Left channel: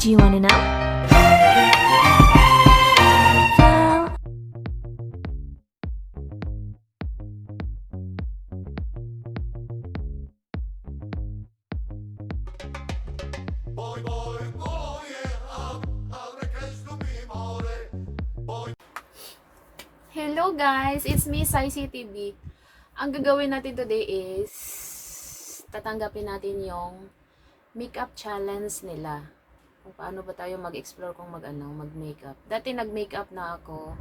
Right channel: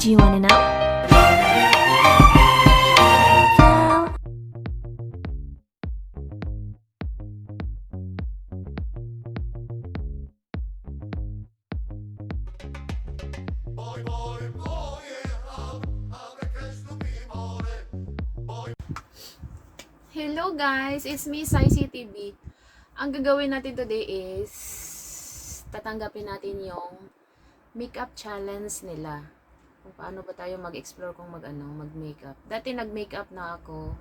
Do you wanna know? Flow. Hello guys, it's me, Saisi TV. Ang gagawin natin today is tatanggapin natin yung makeup challenge nila. Kung paano ba tayo mag-explore kung mag-makeup. Dati nag-makeup na ako.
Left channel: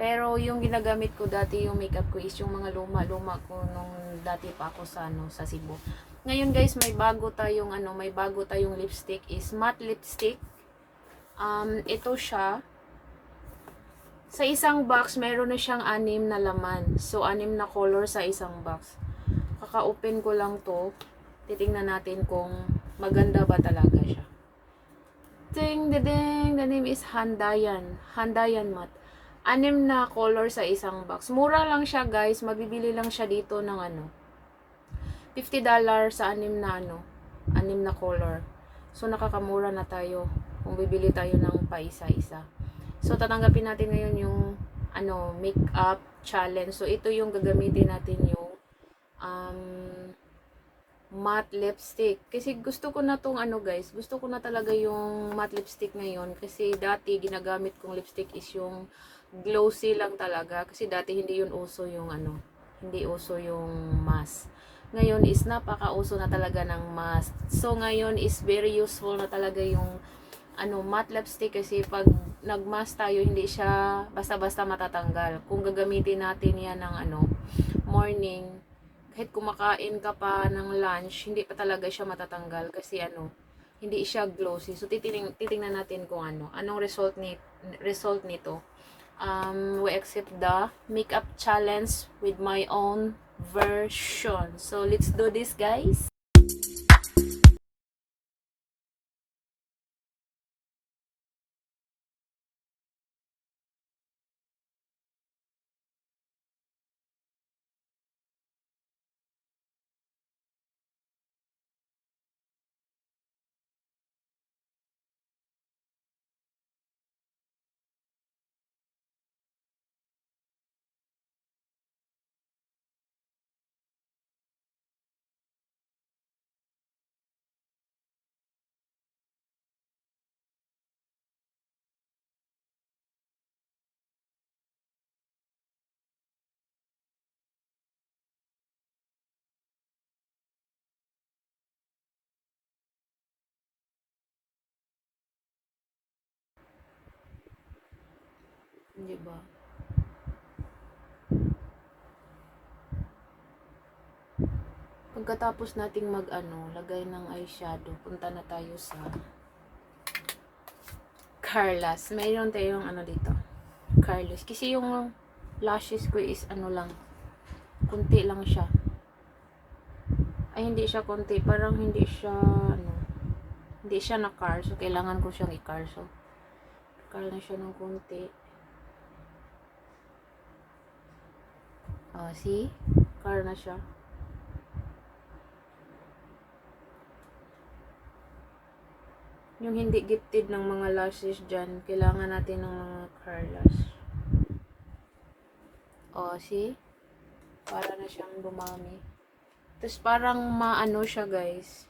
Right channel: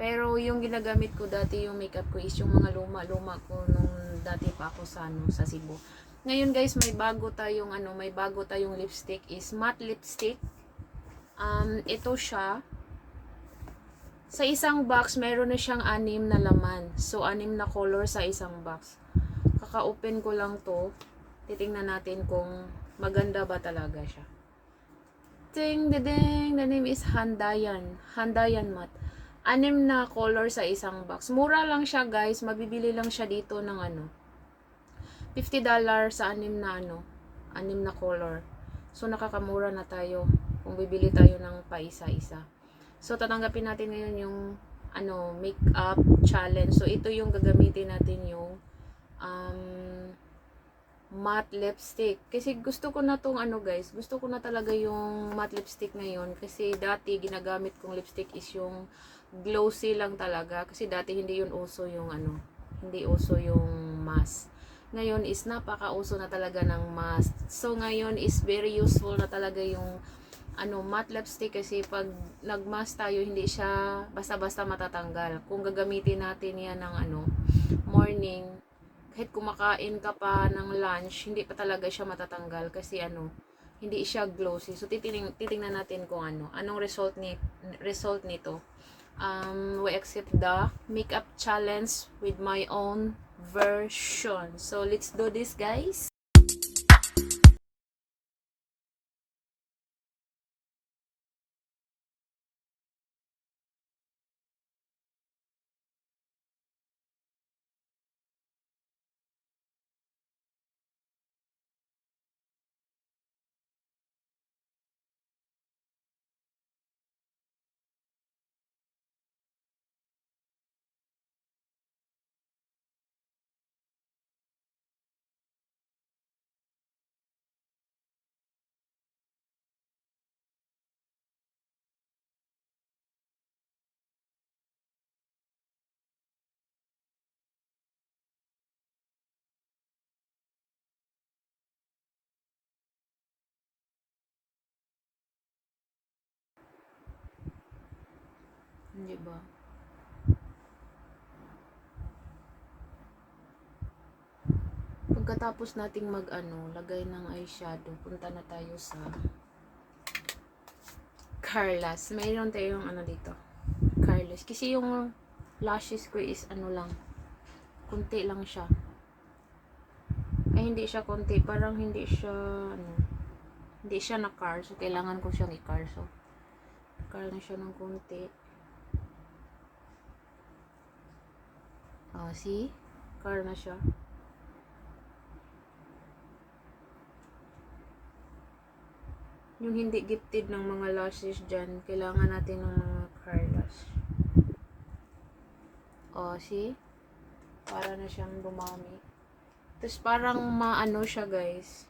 Pero yung ginagamit ko dati yung makeup ko is yung mga luma-luma ko nung dati pa ako sa Cebu. Ngayon guys, may bago tayong lipstick is matte lipstick. Ito siya. Sa isang box, meron na siyang 6 na laman. So, 6 na color sa isang box. Kaka-open ko lang to. Titingnan natin kung maganda ba talaga siya. Ding, ding, the name is Handayan. Handayan matte. 6 na color sa isang box. Mura lang siya guys. Mabibili lang siya dito ng $50 sa 6 na color. So, nakakamura na tayo kung bibili tayo ng paisa-isa. So, tatanggapin natin ngayon yung makeup challenge. So, ito yung gagamitin natin yung matte lipstick. Kasi gusto ko na tong guys. Gusto ko na talaga yung matte lipstick ngayon. Kasi dati ginagamit kong lipstick is yung glossy lang talaga. Kasi dati hindi yun uso yung hindi uso yung mask. Ngayon is napaka-uso na talaga ng mask. So, ngayon is very useful na talaga yung matte lipstick kasi pag nagmask tayo, hindi siya basta-basta matatanggal. Kung gagamitin natin yan ng morning, kahit kumakain ka pa ng lunch, hindi pa talaga siya matatanggal kasi hindi siya glossy. So, titingnan natin kung anong result nito. We accept the makeup challenge with my own version. So, let's do this, guys. Hindi ba? Pagkatapos nating lagay ng eyeshadow, punta na tayo sa Carlas. Mayroon tayong dito. Carlas. Kasi yung lashes ko is lang, kunti lang siya. Ay, hindi siya kunti. Parang hindi siya, hindi siya na-car. So, kailangan ko siyang i-car. So, car na siya ng kunti. Oh, see? Car na siya. Yung hindi gifted ng mga lashes dyan, kailangan natin ng mga Carlas. O, see? Para na siyang dumami. Tapos parang siya guys.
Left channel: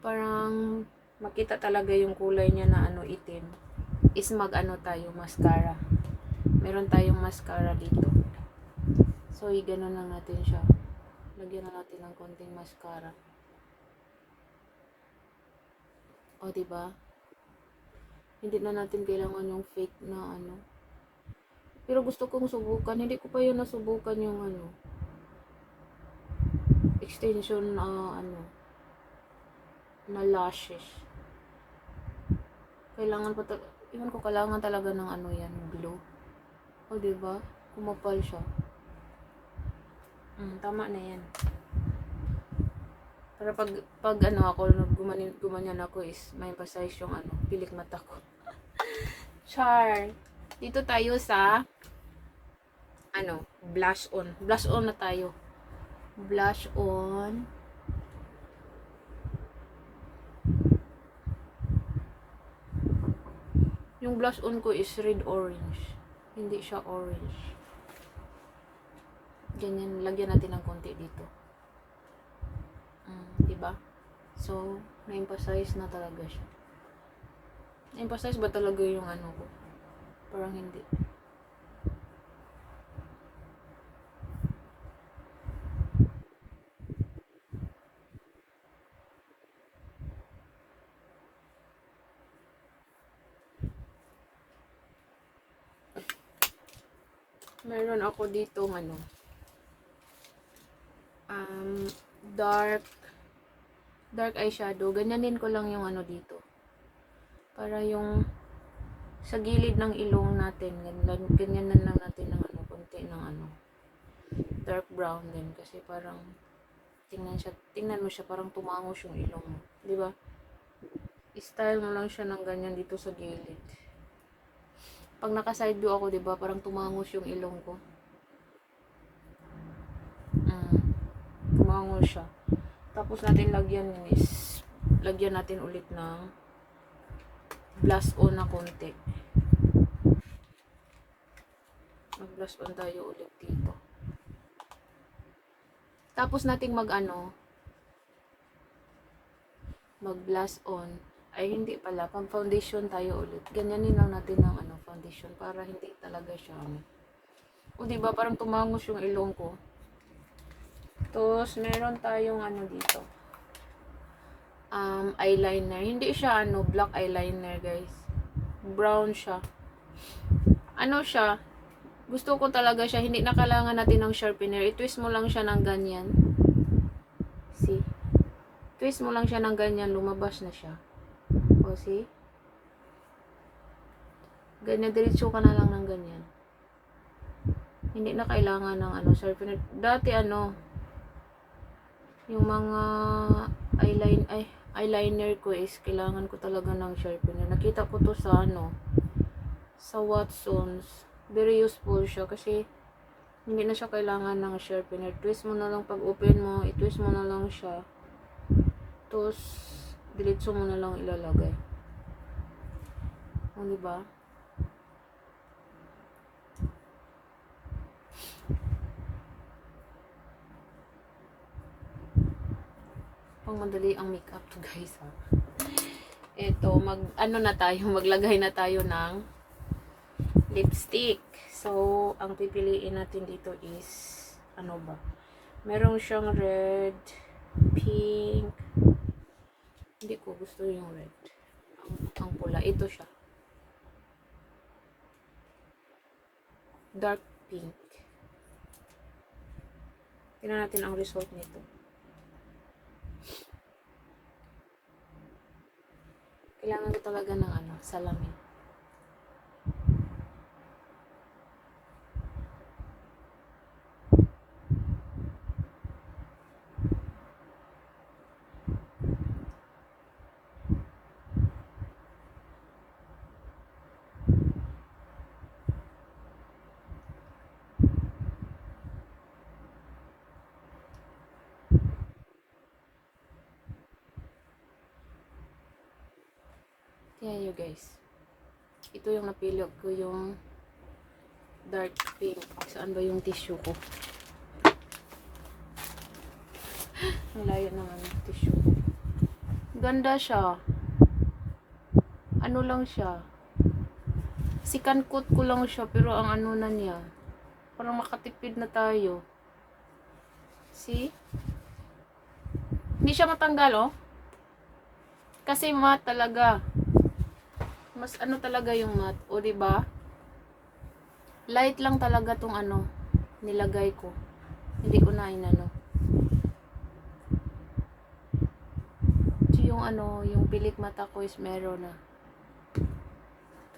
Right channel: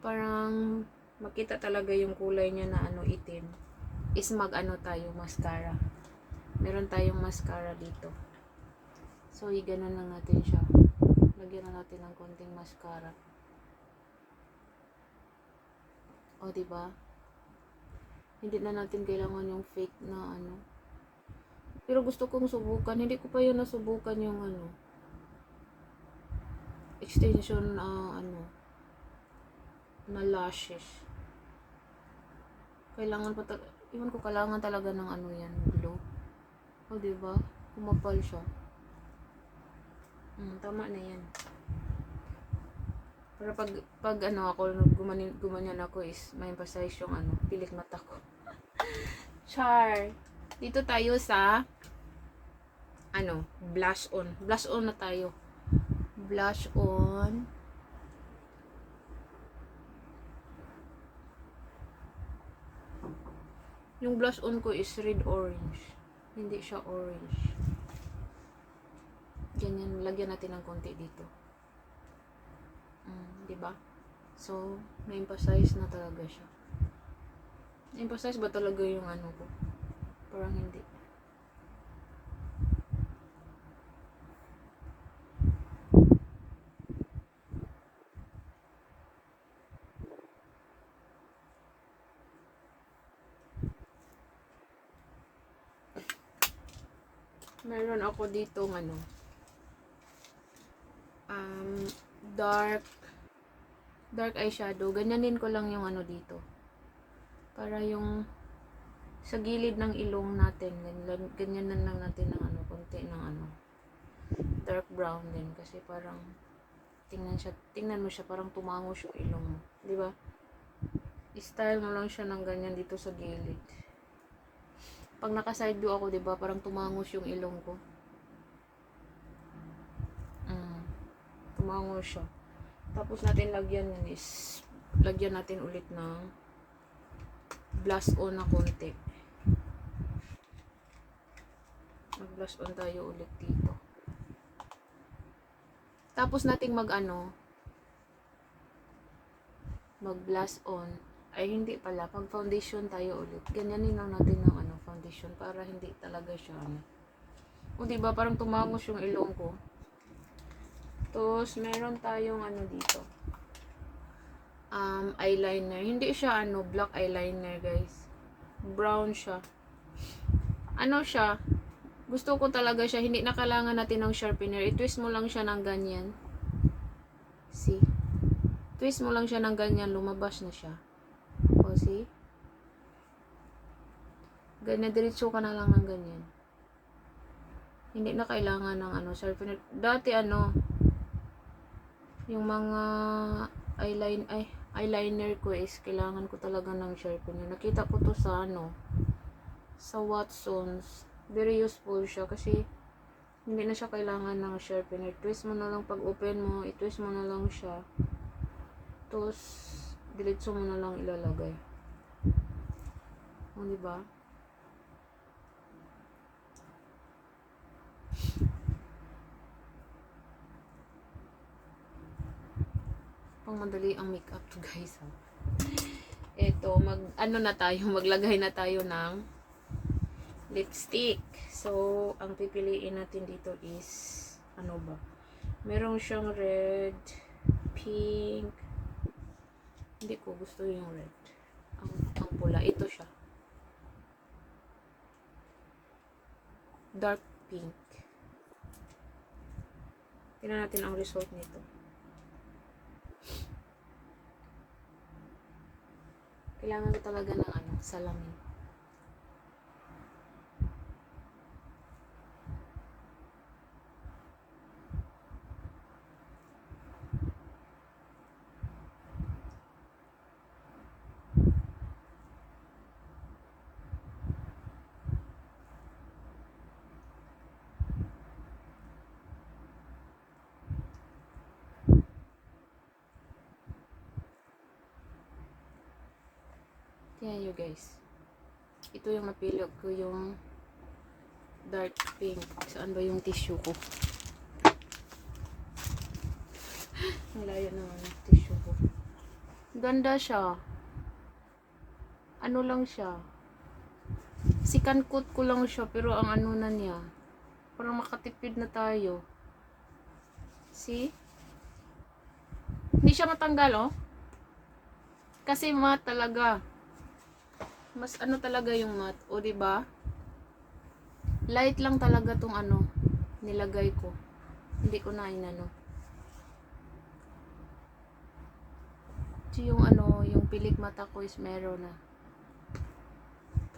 Parang makita talaga yung kulay niya na itim. Is tayo, mascara. Meron tayong mascara dito. So, i-ganon lang natin siya. Lagyan na natin ng konting mascara. O, diba? Hindi na natin kailangan yung fake na Pero gusto kong subukan. Hindi ko pa yun nasubukan yung extension na lashes. Kailangan pa iwan ko, kailangan talaga ng yan, glow. O, diba? Kumapal siya. Tama na yan. Pero pag ako, gumanyan ako is may emphasize yung pilik mata ko. Char. Dito tayo sa blush on. Blush on na tayo. Blush on. Yung blush on ko is red orange. Hindi siya orange. Ganyan, lagyan natin ng konti dito. Diba? So, na-emphasize na talaga siya. Na-emphasize ba talaga yung ano ko? Parang hindi. Meron ako dito ano, dark eyeshadow. Ganyanin ko lang yung ano dito. Para yung sa gilid ng ilong natin, ganyanan lang natin ng ano, konti ng ano, dark brown din. Kasi parang, tingnan mo siya, parang tumangos yung ilong mo. Di ba? I-style mo lang siya ng ganyan dito sa gilid. Pag naka-side view ako, 'di ba, parang tumangos yung ilong ko. Tumangos siya. Tapos lagyan natin ulit ng blush on na konti. Mag-blush on tayo ulit dito. Tapos nating mag-blush on. Ay, hindi pala. Pag foundation tayo ulit. Ganyanin lang natin ng foundation para hindi talaga siya O, diba? Parang tumangos yung ilong ko. Tapos, meron tayong dito. Eyeliner. Hindi siya black eyeliner, guys. Brown siya. Ano siya? Gusto ko talaga siya. Hindi na kailangan natin ng sharpener. I-twist mo lang siya ng ganyan. See? Twist mo lang siya ng ganyan. Lumabas na siya. O, see? Ganyan, diretso ka na lang ng ganyan. Hindi na kailangan ng sharpener. Dati yung mga eyeliner ko is kailangan ko talaga ng sharpener. Nakita ko to sa sa Watsons. Very useful siya kasi hindi na siya kailangan ng sharpener. Twist mo na lang pag open mo, i-twist mo na lang siya. Tapos diretso mo na lang ilalagay. O, diba? Pang madali ang makeup to, guys, ha. Ito, maglagay na tayo ng lipstick. So, ang pipiliin natin dito is ba? Merong siyang red, pink. Hindi ko gusto yung red. Ang pula. Ito siya. Dark pink. Tingnan natin ang result nito. Kailangan ko talaga ng salamin. Tingnan nyo, guys. Ito yung napili ko, yung dark pink. Saan ba yung tissue ko? Ang layo naman yung tissue ko. Ganda siya. Ano lang siya. Sikan coat ko lang siya, pero ang na niya. Parang makatipid na tayo. See? Hindi siya matanggal, oh. Kasi matte talaga. Mas talaga yung matte, o diba? Light lang talaga tong nilagay ko. Hindi ko na So, yung yung pilik mata ko is meron na.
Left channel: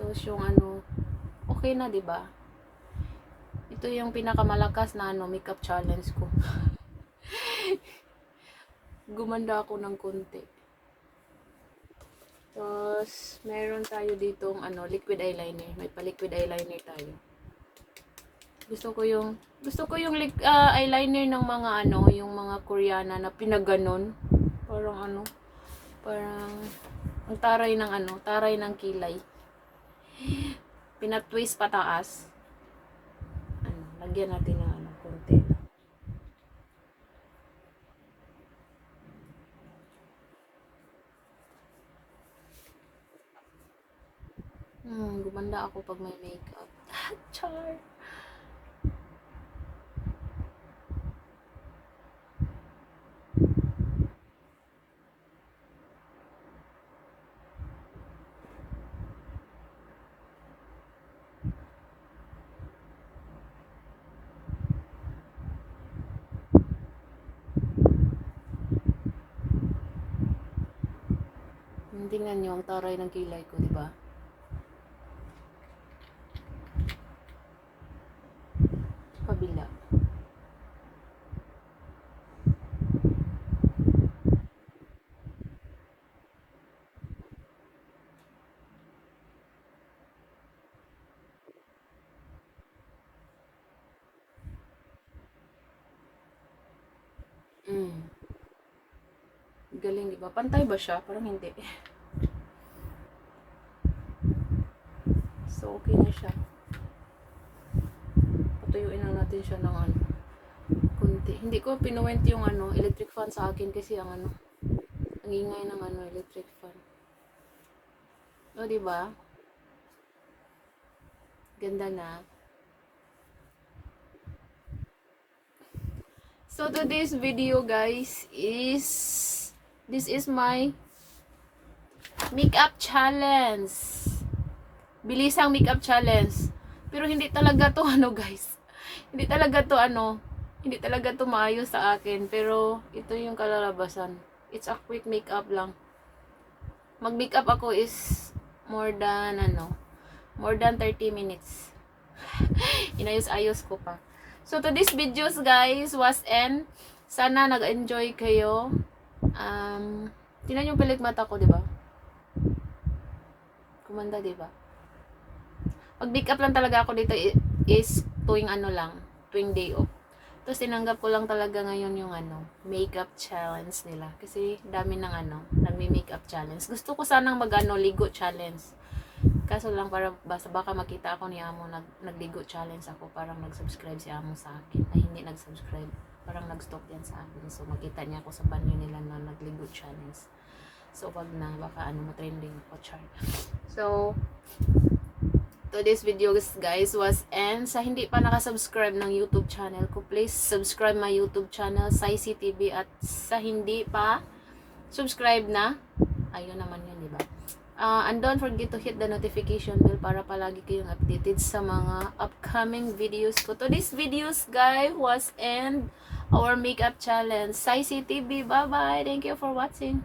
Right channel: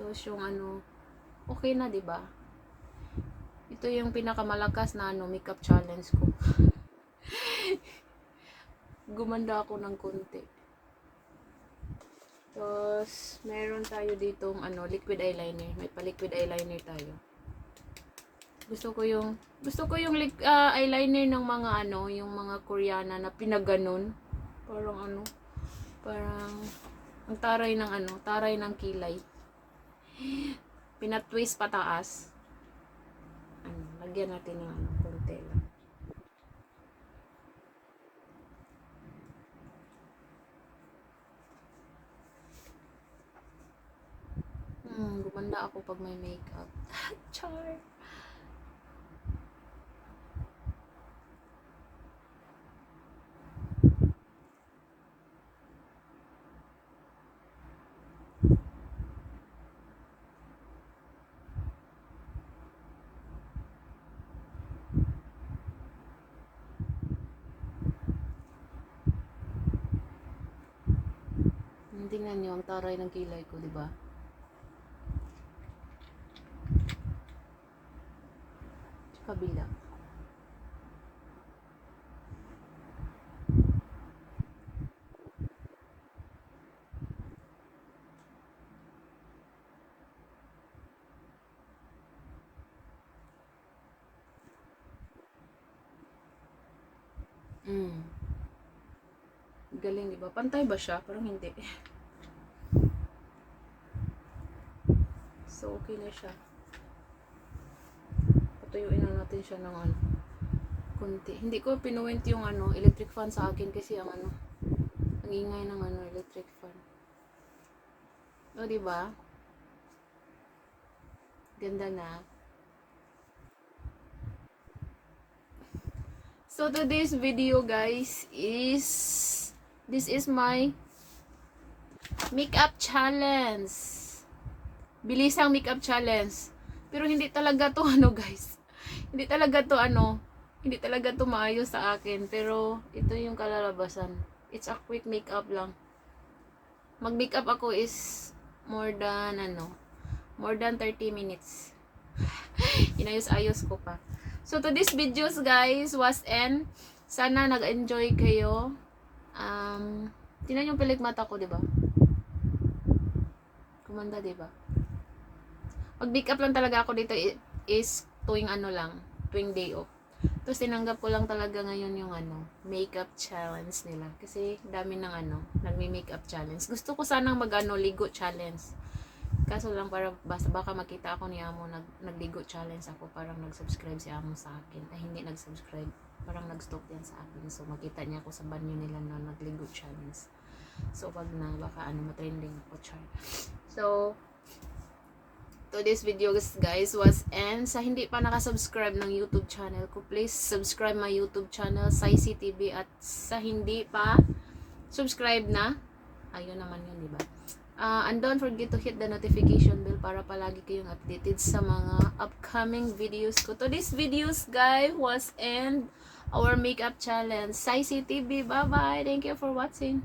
Tapos yung okay na, diba? Ito yung pinakamalakas na makeup challenge ko. Gumanda ako ng konti. Tapos, meron tayo ditong liquid eyeliner. May pa-liquid eyeliner tayo. Gusto ko yung eyeliner ng mga yung mga Koreana na pinaganon. Parang parang ang taray ng kilay. Pinatwist pataas. Ano, lagyan natin ng ano, konti lang. Gumanda ako pag may makeup. Char. Tingnan nyo ang taray ng kilay ko, di ba? Kabila. Galing, di ba? Pantay ba siya? Parang hindi. So, okay na siya. Patuyuin lang natin siya ng ano, kunti. Hindi ko pinuwent yung ano, electric fan sa akin kasi ang ano, ang ingay ng ano, electric fan. O, di ba? Ganda na. So, today's video, guys, this is my makeup challenge. Bilisang makeup challenge. Pero hindi talaga to ano, guys. Hindi talaga to maayos sa akin. Pero ito yung kalalabasan. It's a quick makeup lang. Mag-makeup ako is more than 30 minutes. Inayos-ayos ko pa. So to this videos, guys, was end. Sana nag-enjoy kayo. Tingnan yung pilik mata ko, di ba? Kumanda, di ba? Mag-makeup lang talaga ako dito is tuwing tuwing day off. Tapos tinanggap ko lang talaga ngayon yung makeup challenge nila. Kasi dami ng nagmi-makeup challenge. Gusto ko sanang ligo challenge. Kaso lang baka makita ako ni Amo nagligo challenge ako, parang nag-subscribe si Amo sa akin. Ay, hindi nag-subscribe. Parang nag-stalk yan sa akin. So makita niya ako sa banyo nila na nagligo challenge. So wag na, baka matrending ako, char. So to this video, guys, was end. Sa hindi pa nakasubscribe ng YouTube channel ko, please subscribe my YouTube channel, Saisi TV. At sa hindi pa subscribe na, ayun naman yun, di ba? And don't forget to hit the notification bell para palagi kayong updated sa mga upcoming videos ko. To this videos, guys, was end our makeup challenge. Saisi TV, bye-bye. Thank you for watching.